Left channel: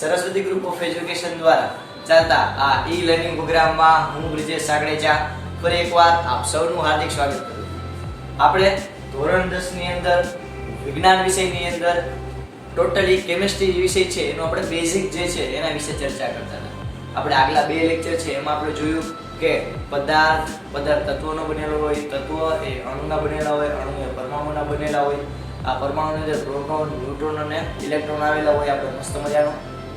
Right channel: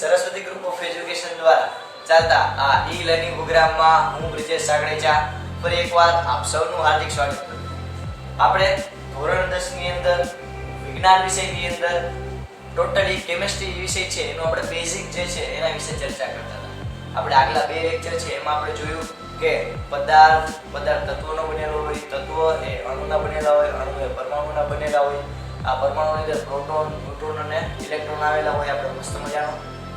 Saraswati group of education દ્વારા ચાલતા આ ઈ લર્નિંગ પ્રોગ્રામમાં હું બ્રિજેશ સાગડેચા ફરી એકવાર આપ સૌનું હાર્દિક સ્વાગત કરું છું। આપણે ધોરણ 10 ની અંદર વિજ્ઞાન વિષયની અંદર ટોટલી કેમિસ્ટ્રી વિષય છે એનો આપણે બેઝિક જે છે એના વિશે ચર્ચા કરતા હતા। આપણે આગલા બે લેક્ચર છે એમાં આપણે જોયું કે પદાર્થ તત્વોનો બનેલો હોય, તત્વ એ અણુના બનેલા હોય, અણુ એ પરમાણુના બનેલા હોય। આ પરમાણુની અંદર પ્રોટોન, ન્યુટ્રોન અને ઇલેક્ટ્રોન આવેલા હોય। આપણે મસ્ત મજાનો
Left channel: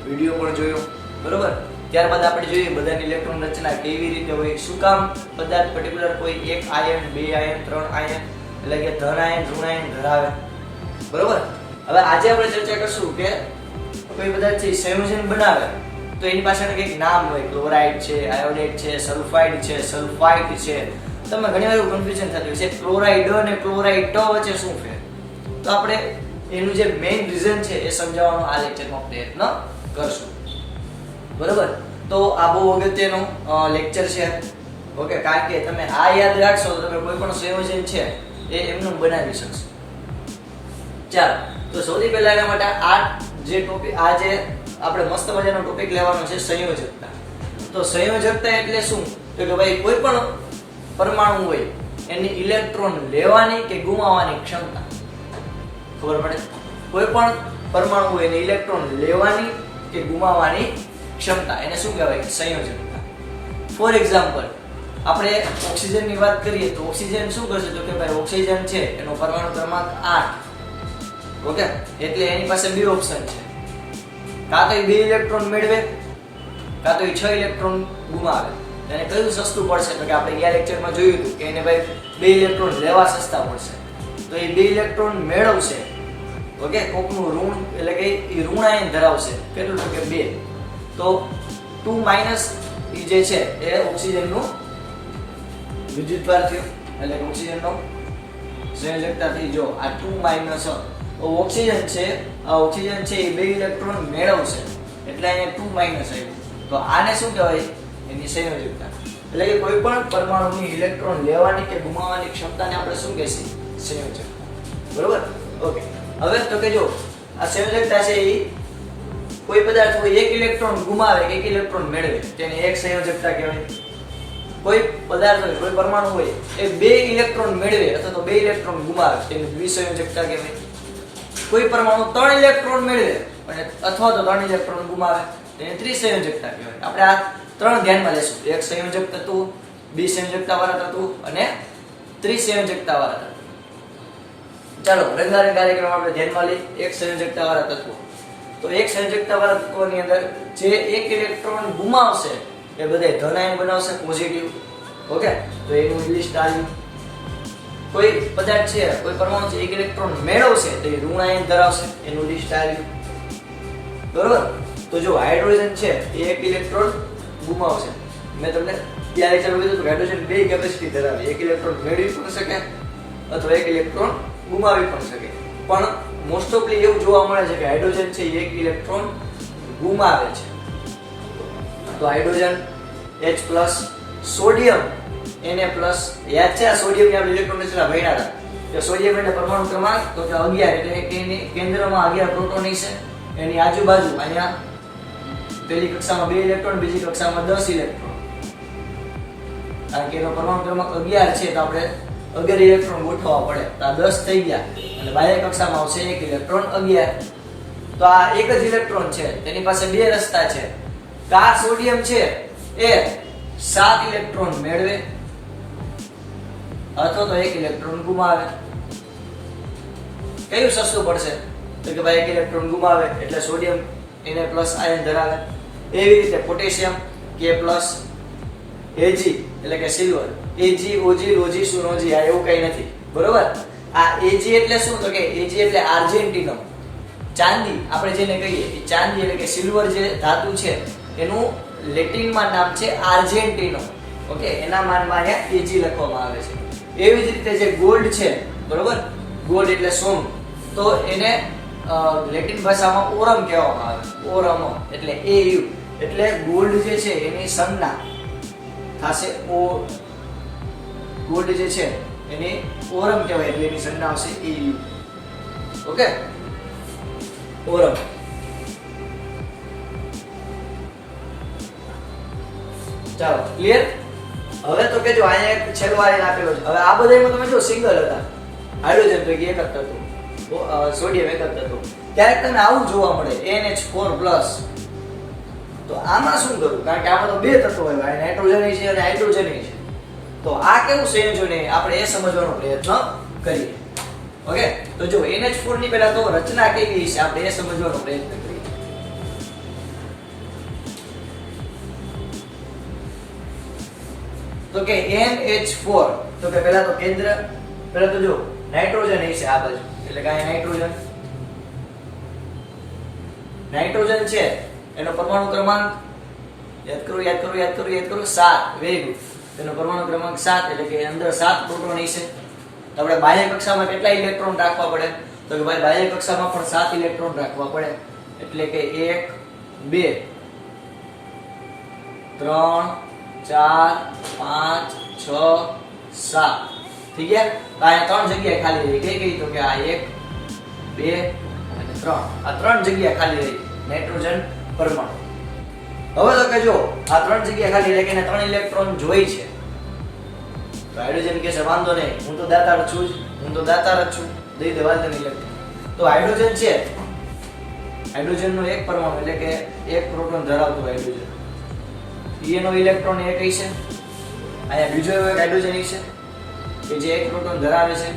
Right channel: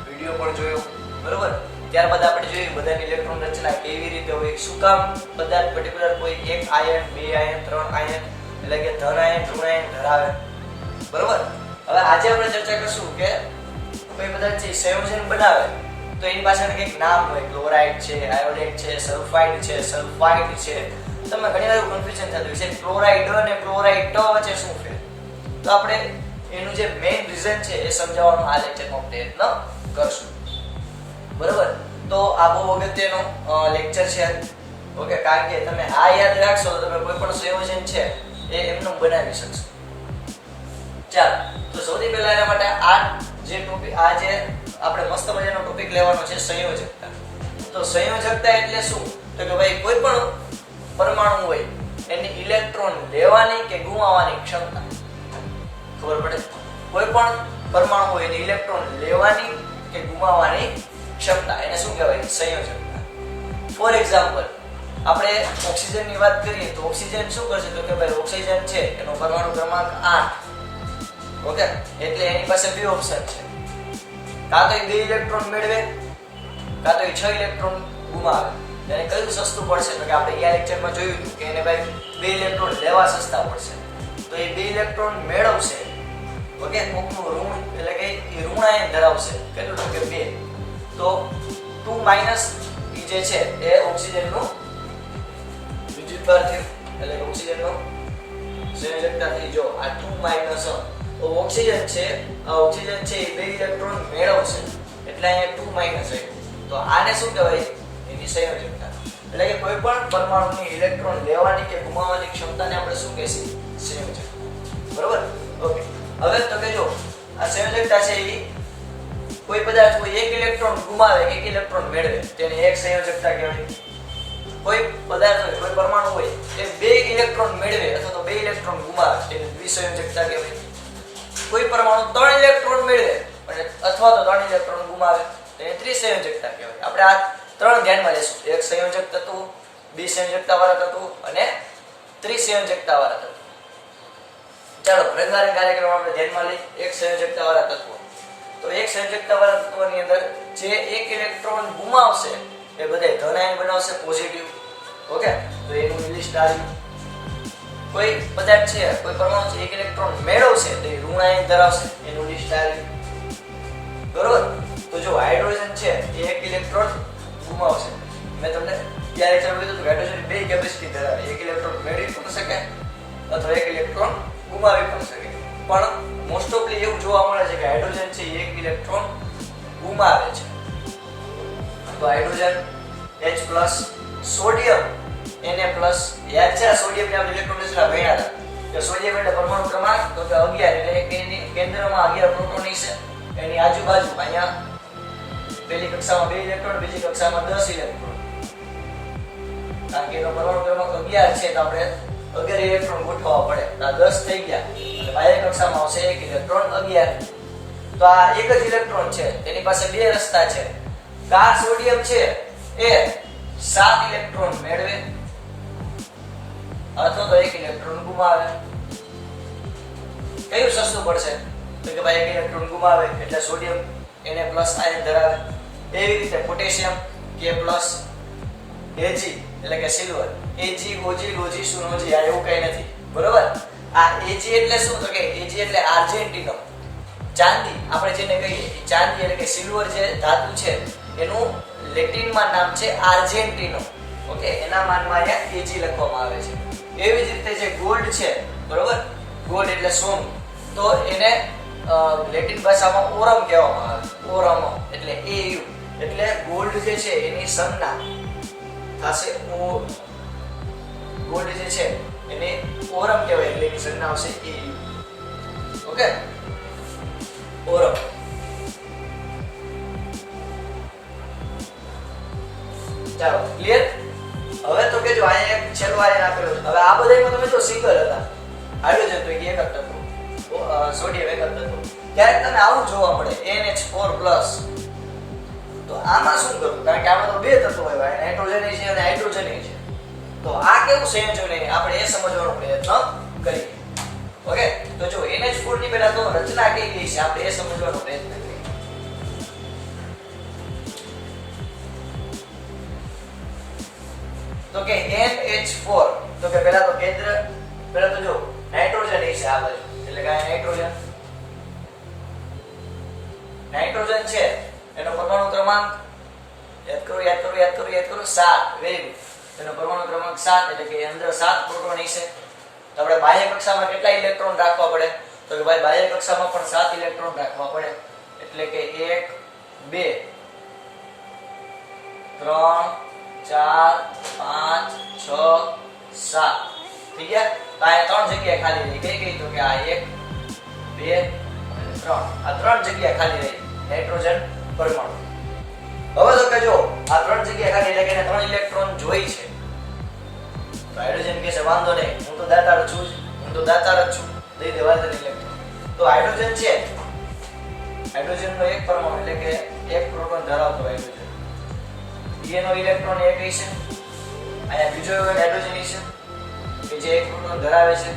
વિડિયો પણ જોયો, બરોબર। ત્યારબાદ આપણે જોયું બધાની ઇલેક્ટ્રોન રચના કેવી રીતે હોય, શું કામ પદાર્થ પર્ટિક્યુલર કોઈ એક આયન, બે આયન, ત્રણ આયન એટલે કે ધન આયન, ઋણ આયન ધરાવે, બરોબર। હવે આજે આપણે ચર્ચા કરશું કે કોઈ પદાર્થ છે સંયોજન બનાવે તો એની પાછળ કંઈક નામ હોય, ક્લોરાઇડ છે, આયોડાઇડ છે, સલ્ફાઇડ છે, સલ્ફાઇડ છે। તમને ઘણીવાર એવું કન્ફ્યુઝન થતું હોય છે ક્લોરાઇડ અને ક્લોરાઇડ વચ્ચે શું ફેર, તો આપણે એનું જે મેઇન રીઝન છે એ સમજાવવાનો આ લેક્ચરમાં પ્રયત્ન કરશું, બરોબર। તો આ બહુ અગત્યનો લેક્ચર છે, ઓકે, કારણ કે તમે આ યાદ રાખશો તો તમે કોઈ પણ સંયોજન છે એ એમનું બનાવી શકશો। ચાલો, તો સૌથી પહેલા એના માટે આ જે ટોપિક આજે આપણે મસ્ત મજાનો ટોપિક લેવાનો છે સંયોજકતા। તો સંયોજકતા એટલે શું, તો કે ભાઈ કોઈ પણ પરમાણુ હોય એની ઇલેક્ટ્રોન લેવાની કે ગુમાવવાની ક્ષમતા, ખબર પડે? કોઈ પણ પરમાણુ હોય એની ઇલેક્ટ્રોન લેવાની કે ગુમાવવાની ક્ષમતા, એને શું કહેવાય? સંયોજકતા। ફોર એક્ઝામ્પલ, આપણે ઓક્સિજનની વાત કરીએ તો ઓક્સિજન શું કરશે, તો કે ભાઈ ઓક્સિજન છે એનો પરમાણુ ક્રમાંક 8, ઓકે, એટલે એની પાસે બે ઓપ્શન છે, કાં તો એ 2 ઇલેક્ટ્રોન મેળવે કાં તો એ 6 ઇલેક્ટ્રોન ગુમાવે। એને કયું સસ્તું પડશે, તો કે આપણે ગયા લેક્ચરમાં જોયું હતું કે એને ભાઈ 2 ઇલેક્ટ્રોન લેવા સસ્તા પડશે, તો એ 2 ઇલેક્ટ્રોન મેળવશે, ઓકે, કોકનું ઋણ એટલે કે એ ઋણ આયન ધરાવશે, કેટલું, તો કે 2, તો 2 માઈનસ એ જે છે એ ઓક્સિજનનું વિદ્યુતભાર થયું, એટલે કે ઓક્સિજનનો સંયોજકતા થઈ। જો આ 2 માઈનસ ઓક્સિજન છે, આ ઓક્સિજન છે એ 2 ઇલેક્ટ્રોન મેળવશે એટલે અહીંયા 2 માઈનસ આવ્યું, તો આને શું કહેવાય? એની સંયોજકતા। એટલે કે કોઈ પણ પરમાણુની ઇલેક્ટ્રોન લેવાની કે ગુમાવવાની ક્ષમતાને આપણે શું કહીશું? સંયોજકતા, બરોબર, ઓકે। હવે તો કે જો આ સંયોજકતા છે એ કોઈ પદાર્થ કોઈ 1 ઇલેક્ટ્રોન ગુમાવે કે 1 ઇલેક્ટ્રોન મેળવે તેની એક સંયોજકતા કહેવાય। કોઈ પદાર્થ હોય, કોઈ પરમાણુ હોય એ 2 ઇલેક્ટ્રોન મેળવે અથવા તો 2 ઇલેક્ટ્રોન ગુમાવે તેની દ્વિસંયોજકતા કહેવાય। કોઈ પરમાણુ 3 ઇલેક્ટ્રોન મેળવે અને અથવા તો 3 ઇલેક્ટ્રોન ગુમાવે તેને ત્રિસંયોજકતા કહેવાય। આપણે આ ત્રણ ધ્યાનમાં લેશું, એક સંયોજક તત્વ, દ્વિસંયોજકતા વાળા તત્વ અને ત્રિસંયોજકતા વાળા તત્વ। ચાલો રંગારંગ કાર્યક્રમ આપણે ધ્યાનમાં લઈ એક સંયોજકતા વાળા તત્વ। તો એક સંયોજકતા વાળા તત્વની અંદર જે 1 ઇલેક્ટ્રોન ગુમાવશે એ બધા ધન આયન બનાવશે, પોઝિટિવ, ઓકે, તો એનું લિસ્ટ આવ્યું। કોઈ પદાર્થ છે, કોઈ પરમાણુ છે 1 ઇલેક્ટ્રોન મેળવશે તો એ ઋણ આયન ધરાવશે, એનું લિસ્ટ આવ્યું, બરોબર। તો જો હાઇડ્રોજન છે એ 1 ઇલેક્ટ્રોન ગુમાવશે, મેં તમને ત્યાં લેક્ચરમાં કીધું કે હાઇડ્રોજન 2 કેપેસિટી ધરાવે, 1 ઇલેક્ટ્રોન મેળવી પણ શકે અથવા 1 ઇલેક્ટ્રોન ગુમાવી પણ શકે, પણ મોસ્ટ ઓફલી એવું જોવા મળે છે કે હાઇડ્રોજન છે એ 1 ઇલેક્ટ્રોન ગુમાવે છે। તો હાઇડ્રોજન H+, સોડિયમ Na+, યાદ છે આ સોડિયમની આપણે ઇલેક્ટ્રોન રચના ભણ્યા હતા કે સોડિયમ એટલે પરમાણુ ક્રમાંક તો કે 11 એટલે કે એની કેન્દ્રમાં 11 પ્રોટોન છે, એની આજુબાજુ અહીંયા પહેલી કક્ષામાં 2 ઇલેક્ટ્રોન, બીજી કક્ષામાં 10 ઇલેક્ટ્રોન, કારણ કે એનો પરમાણુ ક્રમાંક 11 છે તો આપણે 11 ઇલેક્ટ્રોન ગોઠવવા પડે, તો આ 10 થઈ ગયા અને બાહ્ય કક્ષામાં આવશે 1 ઇલેક્ટ્રોન 11, તો આ એક જ ઇલેક્ટ્રોન છે તેની પાસે બે રસ્તા છે, કા સોડિયમ છે એ 7 ઇલેક્ટ્રોન મેળવે અથવા તો 1 ઇલેક્ટ્રોન ગુમાવે। કયું સસ્તું પડશે, તો કે ભાઈ 1 ઇલેક્ટ્રોન ગુમાવે એટલે સોડિયમ Na+ આયન ધરાવે। એવી રીતે પોટેશિયમ K+, Ag એટલે કે silver, Ag, Og, Log, Sug આ એવું કઈ નથી, બરોબર। આ Ag એટલે શું, તો કે Ag એટલે આર્જેન્ટિનમ, ચાંદી આપણે જેને કહીએ એ ચાંદી એટલે કે સિલ્વર જે ધાતુ છે એનું લેટિનમાં નામ છે આર્જેન્ટિનો, ઓકે, એના માનમાં અહીંયા Ag લખવામાં આવે છે। એવી જ રીતે જે ગોલ્ડ છે, બરોબર, ગોલ્ડ એટલે સોનું, તો એને લેટિન ભાષામાં ઓરમ કહેવામાં આવે, ઓરમ એટલે Au, એટલે ગોલ્ડ જે છે એની સંજ્ઞા થશે ઓ, ગોલ્ડ જે છે એને ઓરમ કહેવાય એટલે એની સંજ્ઞા આવશે Au, ઓકે, ઓરમ। ચાલો ક્લિયર. હવે તો કેજો અહીંયા એક છેલ્લો આયન આપેલો છે. હવે આ બધામાં તમે જો સિંગલ હતા, હાઇડ્રોજન પૈકી એક જ હતો, સોડિયમ એક જ હતો. ક્યારેક તમે આવું જોવા મળે NH4+. તો આમાં શું કરવું? કારણ કે આમાં તો બે તત્વો હોય, નાઇટ્રોજન છે અને હાઇડ્રોજન છે. તો આ કેવું સંયોજન છે આપણે એ સમજવાનો પ્રયત્ન કરીએ. ઓકે, તો જો NH4 ની પહેલા તો રચના કેવી છે આપણે એ સમજવાનો પ્રયત્ન કરીએ. તો કે NH4, તો કે પહેલા તો કેન્દ્ર, પહેલા તો જો નાઇટ્રોજન છે આ બાજુ, એટલે કે આ નાઇટ્રોજન છે એનો પરમાણુ ક્રમાંક યાદ કરો 7. Very good. તેનો પરમાણુ ક્રમાંક 7, એટલે કે અંદર 7 પ્રોટોન હશે. તો આપણે બાહ્ય કક્ષામાં કેટલા ઇલેક્ટ્રોન રાખવા પડે? તો કે ભાઈ બાહ્ય કક્ષામાં પણ 7 ઇલેક્ટ્રોન રાખવા પડે. એટલે કે 1 2 3 4 5 6 7 થઈ ગયા. તો અહીંયા 3 જગ્યા ખાલી રહી. કઈ તો કે આ 1 2 અને 3, આ 3 જગ્યા ખાલી રહી નાઇટ્રોજન પરમાણુ. હવે તો કે જો આ 3 જગ્યા ખાલી એટલે કે 3 ઇલેક્ટ્રોન જોઈ છે. તો હાઇડ્રોજન કહે છે વાંધો નહીં, હું તો દાતાર છું, દઈ દેવા તને ઇલેક્ટ્રોન. તો હાઇડ્રોજન છે, હાઇડ્રોજનનો એક પરમાણુ એટલે કે એક પ્રોટોન ધરાવતો હાઇડ્રોજન, એનો ઇલેક્ટ્રોન એક હશે. અહીંયા બીજો એક હાઇડ્રોજન હશે કે જે એક પ્રોટોન ધરાવે છે.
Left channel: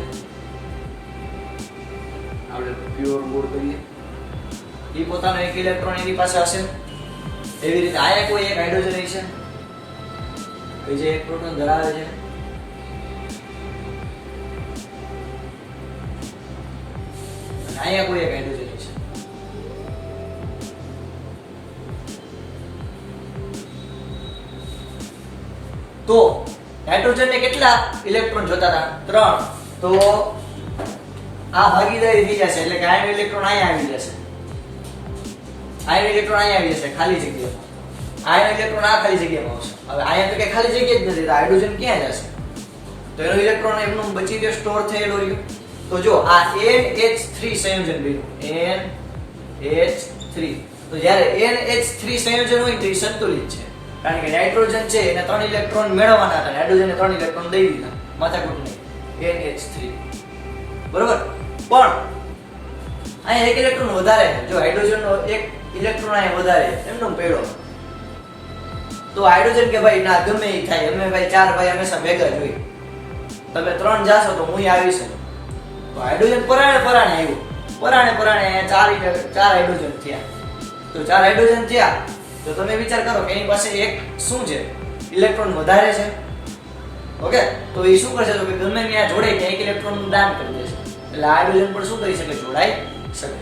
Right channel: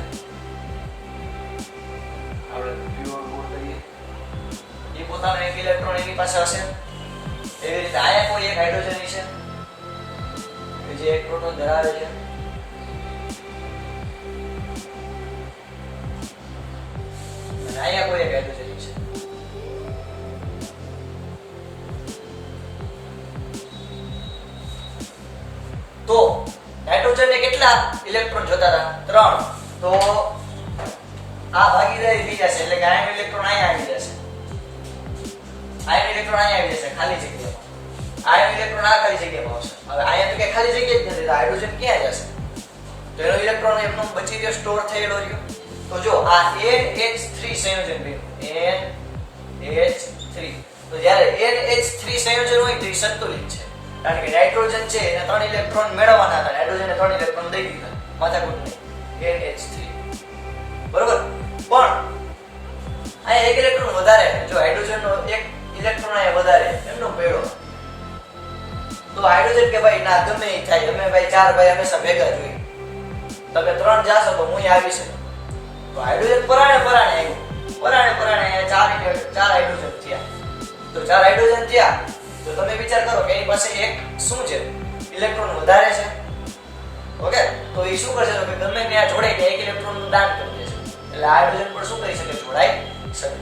આપણે પ્યોર બોર્ડ કરીએ, એ પોતાનો એક ઇલેક્ટ્રોન એની પાસે હશે. એવી રીતે આયા કોઈ એક હાઇડ્રોજન હશે કે જે એક પ્રોટોન ધરાવે છે. અને આયા કોઈ એક હાઇડ્રોજન હશે. તો નાઇટ્રોજન ને કેટલા ઇલેક્ટ્રોન જોતા હતા? 3. તો આ ભાગીદારી થઈ જશે, એટલે કે આયન ઇલેક્ટ્રોન અહીંયા આવી જશે, આયન ઇલેક્ટ્રોન અહીંયા આવી જશે ખાલી જગ્યામાં. આયન ઇલેક્ટ્રોન આ ખાલી જગ્યામાં આવશે. હવે અહીંયા તો કે ખાલી જગ્યા જ નથી, તો હાઇડ્રોજન ક્યાં જશે? તો એનો ઇલેક્ટ્રોન એમનું બચી ગયો, સ્ટોર થયેલો રહ્યો. તો જો આ NH3 સંયોજન બન્યું, NH3. તો જ્યારે NH3 સંયોજન હોય તો એ સંતુલિત છે, કારણ કે નાઇટ્રોજન છે એને 3 ઇલેક્ટ્રોન મેળવવાના હતા, હાઇડ્રોજનને 3 ઇલેક્ટ્રોન દઈ દીધા, માથાકૂટ નહીં. NH3 બરોબર. પણ અહીંયા એક ઇલેક્ટ્રોન વધારે છે. જો હાઇડ્રોજનનો એક ઇલેક્ટ્રોન અહીંયા વધારે એમનો પેડો. તો હાઇડ્રોજન કે ભાઈ ના ગમે એ થાય, અમે ભાઈ 4 ભાઈ હંમેશા ભેગા જ હોય. તમે 3 જાશો તો હું આવી છે. તો હાઇડ્રોજન પરાણે આવ્યું, પરાણે અહીંયા 4 હાઇડ્રોજન થયા. તો 4 હાઇડ્રોજન થયા તો તમે વિચાર કરો કે એની પાસે એક શું છે, ઇલેક્ટ્રોન વધારે છે. ઓકે, તો એ શું કરશે? તો કે ગમે ત્યાં જોડાઈને એક ઇલેક્ટ્રોનનું દાન કરી દેશે, એટલે હાઇડ્રોજન પણ શું કરી શકે? જોડાઈ શકે.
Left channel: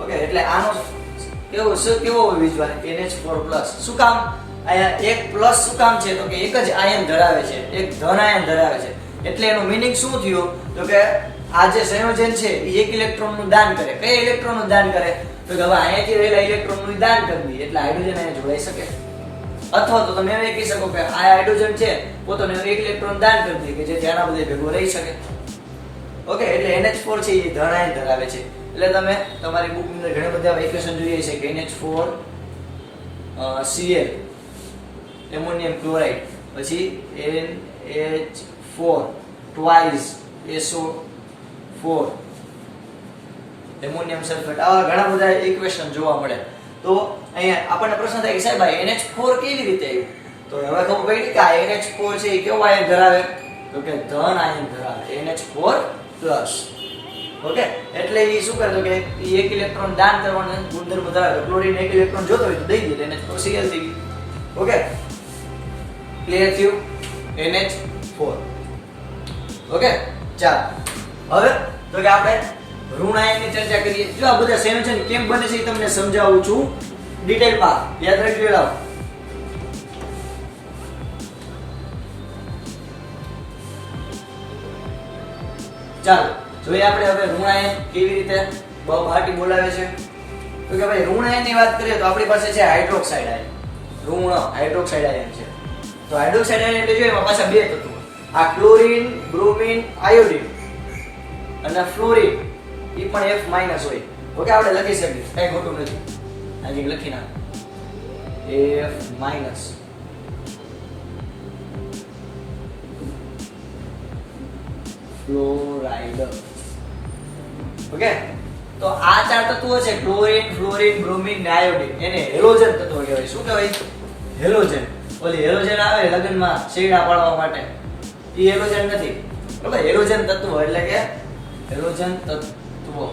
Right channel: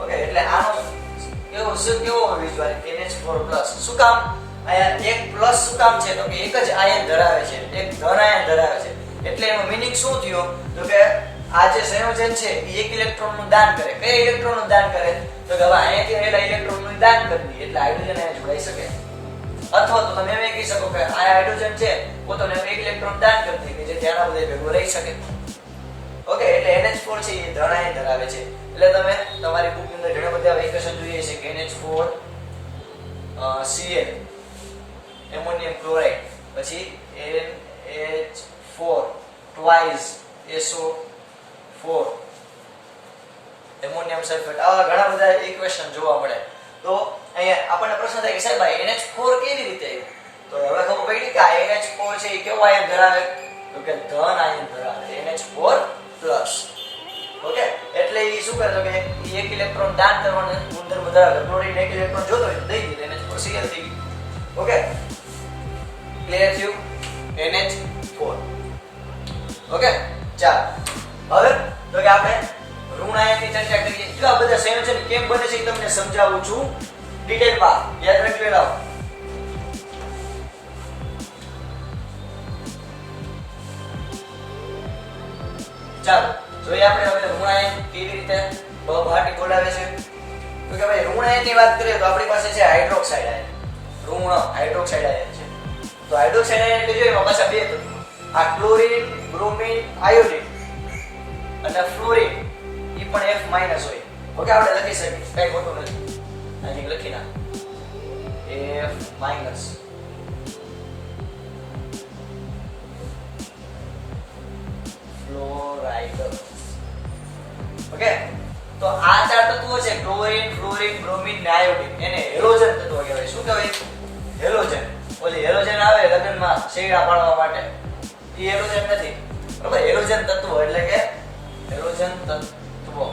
ઓકે, એટલે આનો કેવો વિઝ્યુઅલ NH4+. શું કામ અહીંયા એક પ્લસ શું કામ છે? તો કે એક જ આયન ધરાવે છે, એક ધન આયન ધરાવે છે. એટલે એનો મીનિંગ શું થયો? તો કે આ જે સંયોજન છે એ એક ઇલેક્ટ્રોનનું દાન કરે. કયા ઇલેક્ટ્રોનનું દાન કરે? તો કે હવે અહીંયાથી રહેલા ઇલેક્ટ્રોનનું દાન કરી દઈએ, એટલે હાઇડ્રોજન અહીંયા જોડાઈ શકે. અથવા તો તમે એમ કહી શકો કે આ હાઇડ્રોજન છે પોતાનો એક ઇલેક્ટ્રોન દાન કરી દે કે જેથી આના બધે ભેગો રહી શકે. ઓકે, એટલે NH4 છે એ ધન આયન ધરાવે છે. એટલે તમે તમારી બુકની અંદર ઘણા બધા ઇક્વેશન જોઈએ છે કે NH4 Cl એમોનિયમ ક્લોરાઇડ, પછી NH4 twice SO4 ammonium sulphate. આવા ઘણા બધા ઇક્વેશન જોવા મળે. તો અહીંયા આપણને પ્રશ્ન થાય કે સાહેબ આ NH4 કેવી રીતે આવ્યું? તો હવે ખબર પડી કે આ NH4 છે એ કેવો આયન ધરાવે? તો કે ધન આયન ધરાવે, NH4+. ઓકે, એટલે એ શું કરે? તો કે એક ઇલેક્ટ્રોન દાન કરવાનો ગુણધર્મ ધરાવે. ક્લોરીન એક ઇલેક્ટ્રોન જોતો હોય તો દઈ દે, NH4 Cl થઈ ગયું. ઓકે, ક્લિયર થયું? NH4. ઓકે, ચાલો હવે તો કે આપણે ઋણ આયનની ચર્ચા કરીએ. જો આ બધા સંયોજન કેમ બને છે એ તમને સમજાવું છું ડિટેલમાં, યાદ રાખજો. લાવો ચાલો જોઈએ આપણે હવે ઋણ આયન કેવી રીતે બહાટી બોલાવે છે. તો કે ભાઈ ઋણ આયનની વાત કરીએ તો આપણી પાસે છે હાઇડ્રોક્સાઇડ આયન. ઋણ હાઇડ્રોક્સાઇડ આયન છે. તો હાઇડ્રોક્સાઇડ આયન એટલે જોઈએ એમાં પાછા બે તત્વો, આ ક્લોરીન, બ્રોમિન, આયોડિન અને ફ્લોરિન એ પણ F- હોય. ઓકે, આપણે લખી શકીએ, કઈ ખોટું નથી. અહીં લખી નાખ F-. ફ્લોરાઇડ. ઓકે, તો આ 4 તત્વો છે ક્લોરીન, ફ્લોરીન, બ્રોમિન ને આયોડીન, એને હેલોજન તત્વો કહેવાય. શું કહેવાય? હેલોજન. ઓલી હેલોજન આવે લગનમાં શેડા પાડવા માટે, એ હેલોજન નથી. બરાબર, હેલોજન તત્વો એટલે કે હેલોજન તત્વો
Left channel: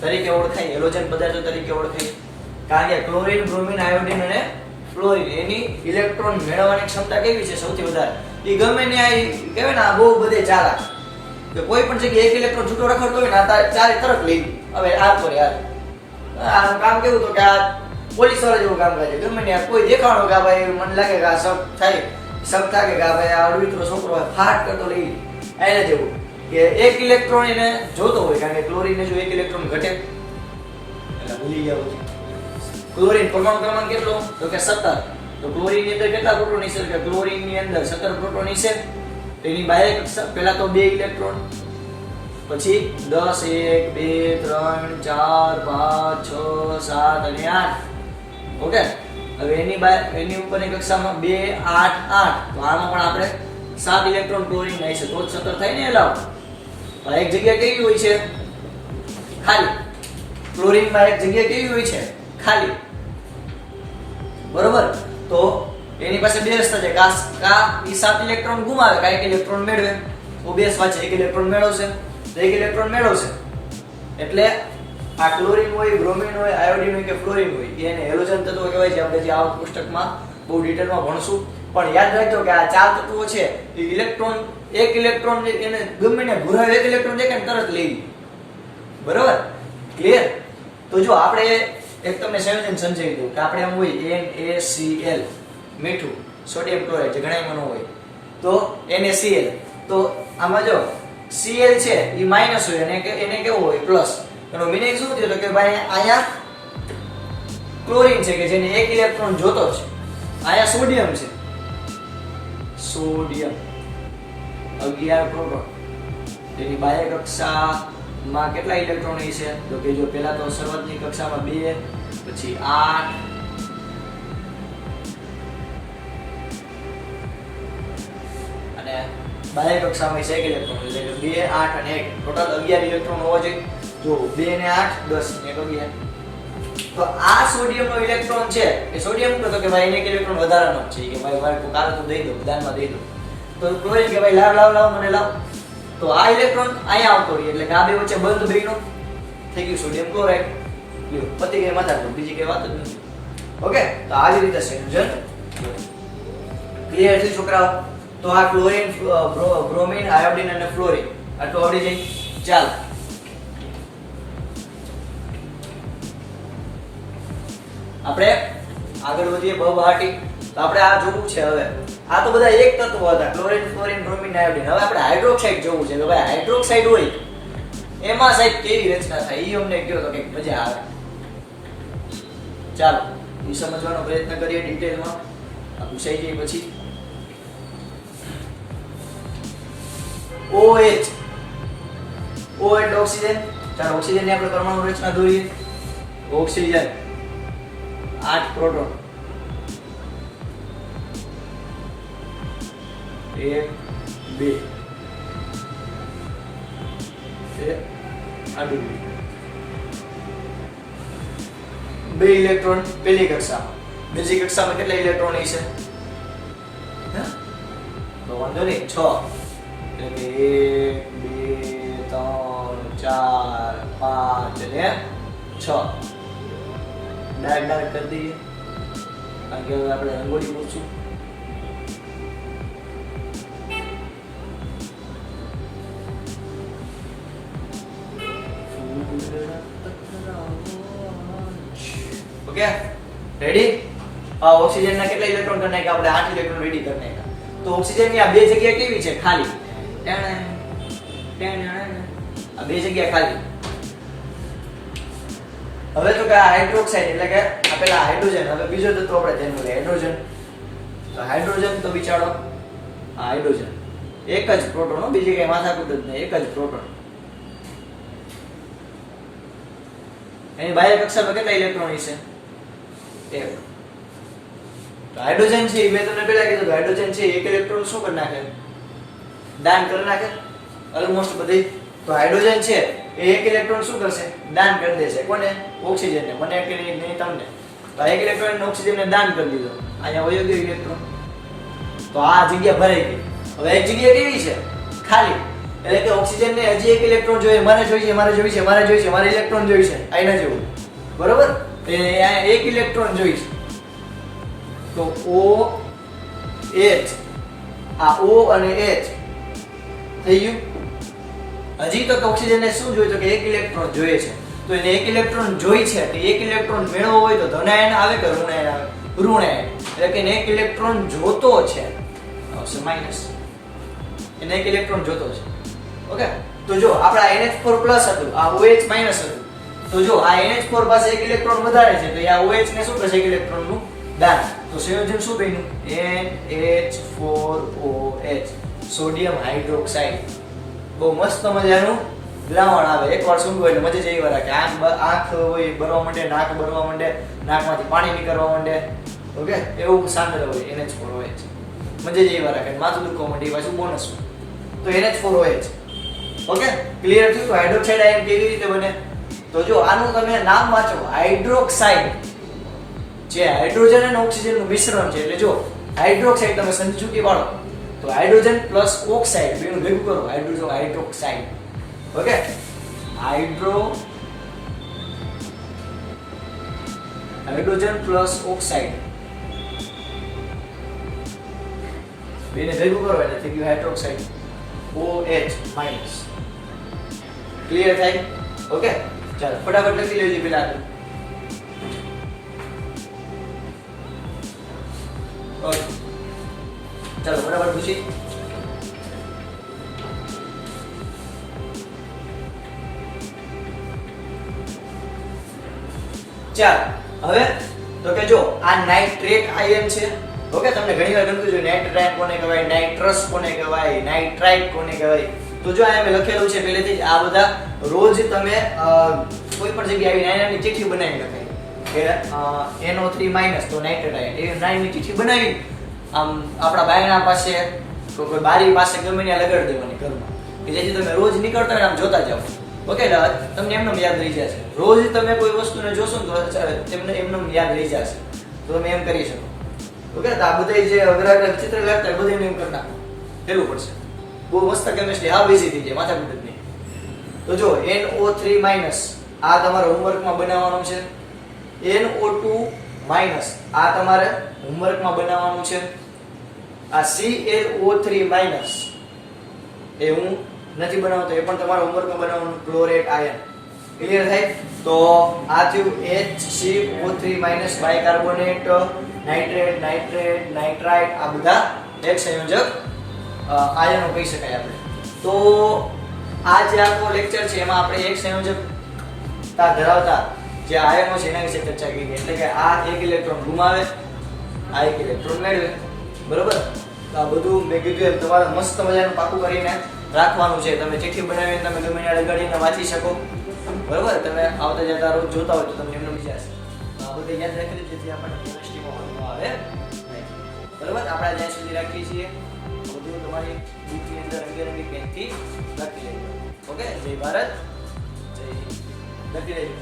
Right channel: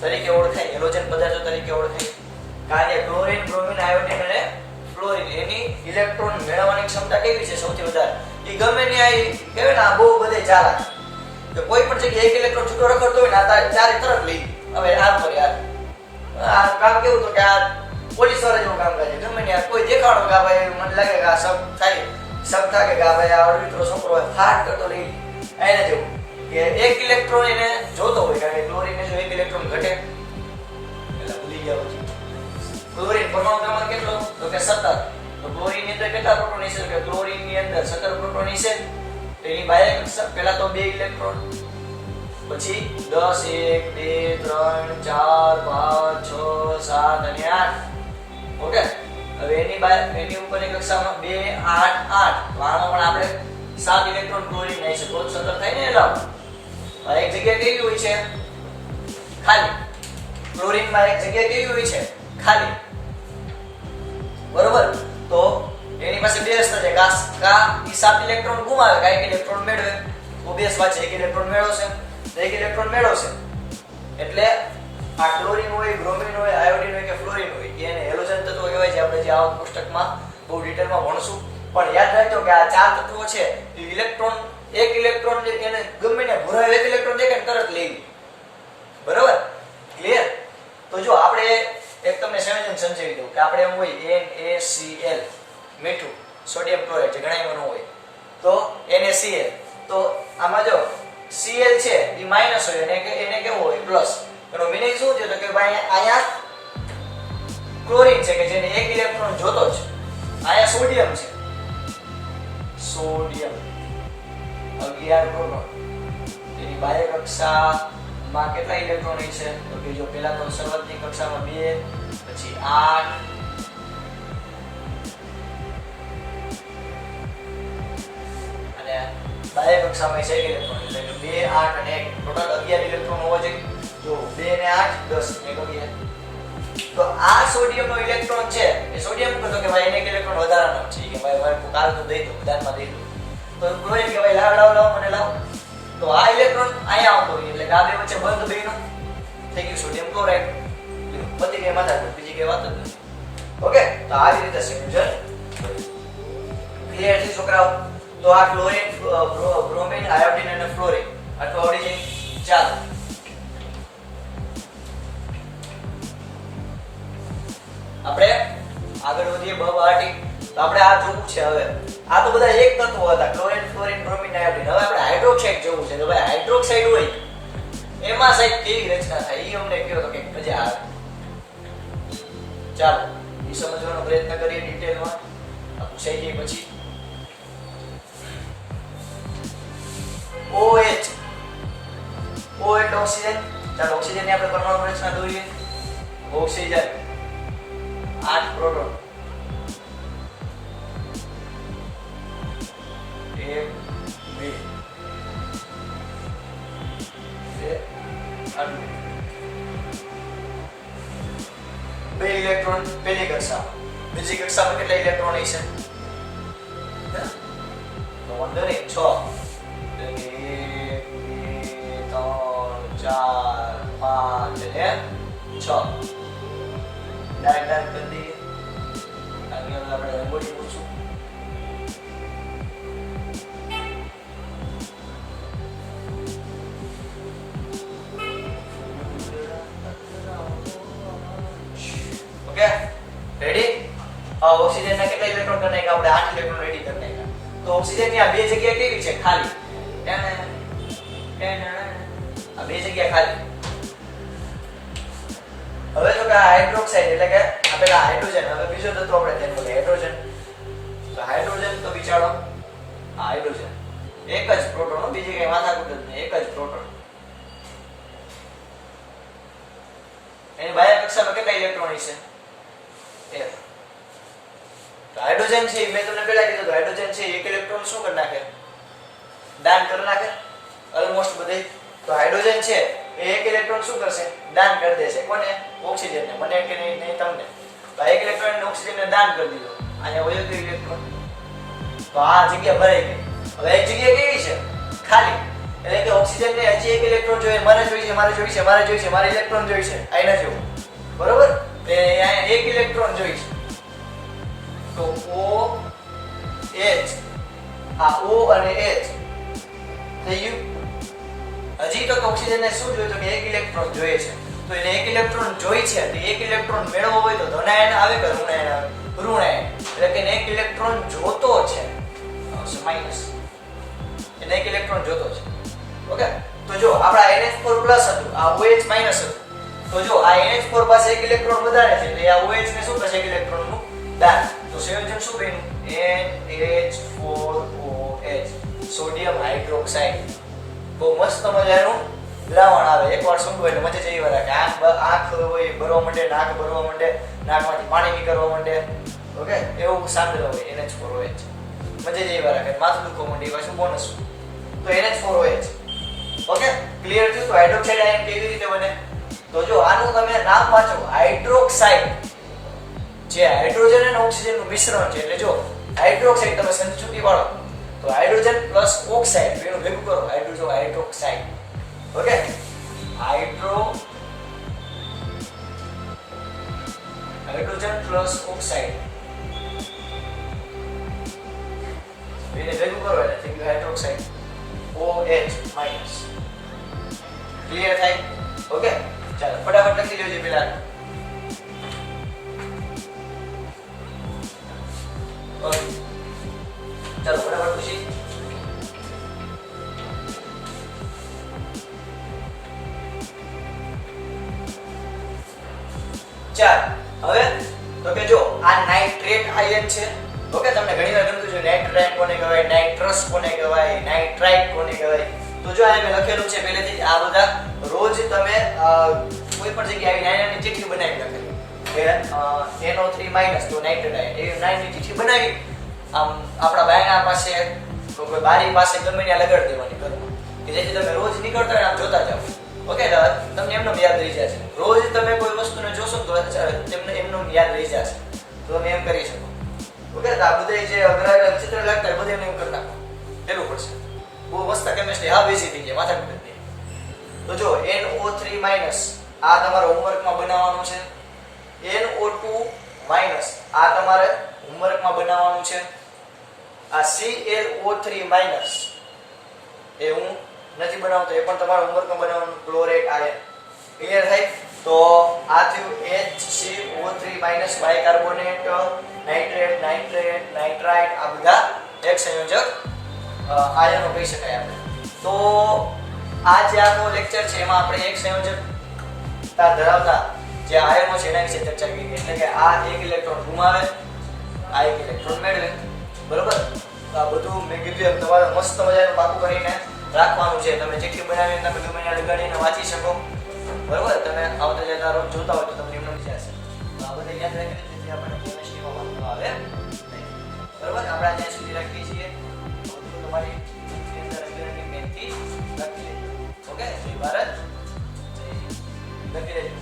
તરીકે ઓળખાય, હેલોજન પદાર્થો તરીકે ઓળખાય. કારણ કે ક્લોરીન, બ્રોમિન, આયોડીન અને ફ્લોરીન એની ઇલેક્ટ્રોન મેળવવાની ક્ષમતા કેવી છે? સૌથી વધારે. એ ગમે ત્યાં કહેવાય ને, આ બહુ બધે ચાલાક કે કોઈ પણ જગ્યાએ એક ઇલેક્ટ્રોન છૂટો રખડતો હોય ને આ ચારે તરફ લઈ. હવે આ તો યાર આ કામ કેવું તો કે આ પોલીસ વાળા જેવું કામ કરે. ગમે ત્યાં કોઈ દેખાણો કે ભાઈ મને લાગે કે આ શક થાય કે આ ભાઈ આ અડવિત્રો છોકરો હોય ફાટ કરતો લઈ એને જેવું કે એક ઇલેક્ટ્રોન એને જોતો હોય. કારણ કે ક્લોરીનને જો એક ઇલેક્ટ્રોન ઘટે એટલે ભૂલી ગયા પછી. ક્લોરીન પરમાણુ ક્રમાંક કેટલો? તો કે 17. તો ક્લોરીન ની અંદર કેટલા પ્રોટોન હશે? કે ક્લોરીન ની અંદર 17 પ્રોટોન હશે. એની બાહ્ય કક્ષા પહેલા તો 2 ઇલેક્ટ્રોન, પછી 10 1 2 3 4 5 6 7 અને 8. ઓકે, હવે એની ઉપરની કક્ષામાં 2 8 8. તો આમાં પણ આપણે 7 ઇલેક્ટ્રોન ક્લોરીન હશે તો 17 થાય ને. લાવ એક જગ્યા કેવી હોય છે? ખાલી. ક્લોરીનમાં એક જગ્યા કેવી હોય છે? ખાલી. બરોબર, તો એની પાસે બે રસ્તા છે. કા ઈ 7 ઇલેક્ટ્રોન ગુમાવે, કા 1 ઇલેક્ટ્રોન મેળવે. તો બે વાંચે 1 ઇલેક્ટ્રોન મેળવશે તો 1 ઇલેક્ટ્રોન મેળવશે. એટલે આ ક્લોરીન હોય, બ્રોમિન હોય, આયોડીન હોય કે ફ્લોરીન હોય એને હેલોજન તત્વો કહેવાય છે. આપણે જે આ પુસ્તકમાં બહુ ડિટેલમાં ભણશું. પણ યાદ રાખજો કે આ 4 તત્વો છે એ ઇલેક્ટ્રોન, એક ઇલેક્ટ્રોન એને ગમે ને ઘુરાવે, 1 ઇલેક્ટ્રોન દેખાય ને તરત લઈ. બરાબર, ક્લિયર? તો જો આપણે એક તમને સંયોજન સમજાવી દઉં કે આપણે એમ હોય NaCl મીઠું, સોડિયમ ક્લોરાઇડ જે ઘણાયમાં ન હોય તો NaCl. તો આમાં જો Cl છે એ માઈનસ હોય અને એને કેવો હોય? પ્લસ. એનો મીનિંગ શું થયો? તો કે ભાઈ અહીંયા ક્લોરીન છે કે જેને 1 ઇલેક્ટ્રોન જોતો છે, અહીંયા સોડિયમ છે, સોડિયમ 11 પ્રોટોન. તેની બાહ્ય કક્ષામાં કેટલા ઇલેક્ટ્રોન છે? તો કે જો પહેલા તો શરૂઆતની કક્ષામાં 2, પછી 8, અને બાહ્ય કક્ષામાં 1 ઇલેક્ટ્રોન. એટલે કે 2 8 અને 1 ટોટલ 11 ઇલેક્ટ્રોન હોવા જોઈએ. જો 2 ને 8 10 ને 11. તો આ સોડિયમનો ઇલેક્ટ્રોન છે એ સોડિયમ કહે તો કે ભાઈ એને એક ઇલેક્ટ્રોન વધારાનો છે કે ભાઈ મારે કાલ તો દઈ દો, દાનમાં દઈ દો. તો ક્લોરીન કે ભાઈ લાવ મને લાવ. તો આ ઇલેક્ટ્રોન અહીંયા આવતો હોય એટલે કે આ બે વચ્ચે બંધ બન્યું, થઈ ગયું સોડિયમ ક્લોરાઇડ. લ્યો પતી ગઈ માથા, બીજી કઈ વાત જ નથી. ઓકે, તો આવી રીતે સંયોજન. ક્લિયર છે છોકરાઓ? તો આ ક્લોરીન, બ્રોમિન, આયોડીન અને ફ્લોરીન આટલું આવડી જાય. ચાલો આપણે આગળ વધીએ બહાટી. તો આપણે આ જોવું છે હવે. આ તો બધા એક તત્વો હતા, ક્લોરીન, ફ્લોરીન, બ્રોમિન, આયોડીન. હવે આપણે હાઇડ્રોક્સાઇડ જોવું છે કે ભાઈ હાઇડ્રોક્સાઇડ હોય એમાં સાહેબ કેવી રચના થાય એ અમને કહો તો કંઈક મજા આવે. ચાલો એ સમજવાનો પ્રયત્ન કરીએ ડિટેલમાં. આ પૂછાઈ જાય પછી. OH એટલે ઓક્સિજન. ચાલો ઓક્સિજન ની આપણે પરમાણુ રચના જોઈએ. ઓક્સિજન 8 પ્રોટોન, 1 2 2 ઇલેક્ટ્રોન પહેલી કક્ષામાં. બીજી કક્ષામાં કેટલા ઇલેક્ટ્રોન હશે? તો વાંધો નહીં 6. 1 2 3 4 5 અને 6. ડાર્ક કરી દઈએ કારણ કે આપણે રંગોળી પૂછું. Okay, ready? આ ઓક્સિજન ના કેટલા ઇલેક્ટ્રોન કરી નાખ્યા? આપણે 8 ઇલેક્ટ્રોન રેડી કરી નાખ્યા. તો ઓક્સિજન ની આ બે જગ્યા કેવી છે? ખાલી. આ બે જગ્યા ખાલી. હવે તો કે હાઇડ્રોક્સાઇડ એટલે કે આ પેલા હાઇડ્રોજન. હવે બીજો તત્વ આપણે ધ્યાનમાં લઈએ, હાઇડ્રોજન. તો હાઇડ્રોજન તો બિચારો આ હાઇડ્રોજન એક જ પ્રોટોન, બીજી કઈ માથાકૂટ જ નહીં, એક જ પ્રોટોન. એની બાહ્ય કક્ષામાં કેટલા ઇલેક્ટ્રોન છે? 1. તો હાઇડ્રોજન છે એ મેં તમને પહેલા કીધું, હાઇડ્રોજન છે એક ઇલેક્ટ્રોન શું કરી નાખે? દાન કરી નાખે ઓલમોસ્ટ બધી. તો હાઇડ્રોજન છે એ એક ઇલેક્ટ્રોન શું કરશે? દાન કરી દેશે. કોને? ઓક્સિજનને. મને કે નહીં તમને. તો એક ઇલેક્ટ્રોન ને ઓક્સિજનને દાન કરી દીધો. અહીંયા વયો ગયો ઇલેક્ટ્રોન. તો આ જગ્યા ભરાઈ ગઈ. હવે એક જગ્યા કેવી છે? ખાલી. એટલે કે ઓક્સિજન ને હજી એક ઇલેક્ટ્રોન જોઈએ, મારે જોઈએ, મારે જોઈએ, મારે જોઈએ, મારે ઇલેક્ટ્રોન જોઈએ છે. આના જેવું. બરોબર? તો અહીંયા એક ઇલેક્ટ્રોન જોઈએ છે. તો O H આ O અને H થઈ ગયું. હજી તો ઓક્સિજન ને શું જોઈએ? તો કે એક ઇલેક્ટ્રોન જોઈએ છે. તો એને એક ઇલેક્ટ્રોન જોઈ છે. તો એક ઇલેક્ટ્રોન મેળવવો હોય તો ધન આયન આવે કે ઋણ આયન આવે? ઋણ આયન. એટલે કે એને એક ઇલેક્ટ્રોન જોતો છે. માઈનસ. એને એક ઇલેક્ટ્રોન જોતો છે. ઓકે. તો જો આપડા NH4 પ્લસ હતું, આ OH માઈનસ હતું. તો જો આ NH4 પાસે એક ઇલેક્ટ્રોન વધારે છે, તો આ OH ને શું કરશે? એક ઇલેક્ટ્રોન નું દાન. તો સંયોજન શું બન્યું? NH4OH, sodium hydroxide. બહુ મસ્ત મજાનું દ્રાવણ આવે. એકવાર સૂંઘો એટલે મજા જ એવી વાર કે આંખ હોય ભરવા માંડે, નાક ભરવા માંડે, નાકમાંથી પાણી નીકળવા માંડે. ઓકે, એવું સાંદ્ર હોય NH4OH. મજા જ એવી વાર કે માથું દુખવા માંડે. એ પાછું બોનસ. તો NH4OH. ઓકે, ક્લિયર થયું? તો હાઇડ્રોક્સાઇડ આયન કેવી રીતે બને? તો જો આનું તમે નામ વાંચો, હાઇડ્રોક્સાઇડ. જે હાઇડ્રોજન અને ઓક્સિજન નું મિશ્રણ છે. એટલે જો હાઇડ્રોક્સાઇડ તમે સંચુકી વાળો તો હાઇડ્રોજન પ્લસ ઓક્સાઇડ બેનું ભેગું કરો, hydroxide. Okay, hydrogen plus oxide બેને ભેગું કરો એટલે થઈ ગયું હાઇડ્રોક્સાઇડ. OH minus. ક્લિયર થાય? ઓકે, ચાલો ફટાફટ લખી લેજો પેલા. ઓકે, ચાલો ફટાફટ પૂછી. ચાલ હવે તો કે જો આ નાઇટ્રેટ આયન છે. ઓકે, તમને ઘણી વાર ગમતું છે નાઇટ્રાઇટ કોને કહેવાય, નાઇટ્રસ કોને કહેવાય, નાઇટ્રાઇટ કોને કહેવાય. તો જો અહીંયા મેં લખેલું છે પહેલેથી જ. આ બધા રોજ તમે કોઈ પણ જગ્યાએ આવી નાની નાની ચિઠ્ઠી બનાવી લખેલી કે NO3- તો નાઇટ્રેટ આયન. એ નાની ચિઠ્ઠી બનાવી આમ આપણા બાયણા પાસે કોઈ બારી પાસે ગમે ત્યાં લગાડી દેવાની ઘરમાં, કે જેથી તમે રોજ નીકળતા હોય આમ જોતા જાઓ. ઓકે, તમને એમને યાદ રહી જશે. રોજ તમે કોઈ વસ્તુને જોશો ને તો તમને એમને યાદ રહી જશે. તો તમે એમ કરી શકો. ઓકે, તો આ બધા જે અઘરા ચિત્ર લખતા હોય બધું એમ કરી નાખો. પેલું પડશે. બહુ મસ્ત કેમિસ્ટ્રી. હા, બેસી થઈ જાય, માથા પીટ નહીં. તો જો NO3- આ તમારે હોમવર્કમાં બનાવવાનું છે. NO2- આ તમારે હોમવર્કમાં બનાવવાનું છે. આ ClO3- એ હું નથી બનાવતો, એ પણ તમારા હોમવર્કમાં બનાવવાનું. Chlorate ion. ક્લિયર થાય? તો આ થયું HCO3- બાયકાર્બોનેટ, નાઇટ્રેટ, નાઇટ્રાઇટ. આ બધા એક સંયોજક આયનો કહી શકાય આપણે. તો આ જે આપણો લેક્ચર છે એમાં આપણે એક સંયોજકતા ધરાવતા જે આયનો છે એના વિશે ચર્ચા કરી. એટલે કે આ એક ઇલેક્ટ્રોન ગુમાવે, આ એક ઇલેક્ટ્રોન મેળવે. બરોબર? તો આ બધું મેં કીધું તમારે મસ્ત મજાનું પાકું કરીને રાખવાનું છે. તમે ચિઠ્ઠી બનાવીને તમે ગમે ત્યાં લગાડીને વાંચી શકો. બરોબર? તમે આવતા જતા રોજ જોતા હોય તો તમને એમનો વિચાર છે. આ બધું યાદ રાખી જેથી આપણને કેમિસ્ટ્રીમાં વાંધો આવે નહીં. બરોબર? આપણે જ્યાં સુધી રાખીએ છીએ બધું તમારી બુકની અંદર અંગ્રેજી પેનથી લખી લેજો. ઓકે, જય ભારત, જય લખી લેજો.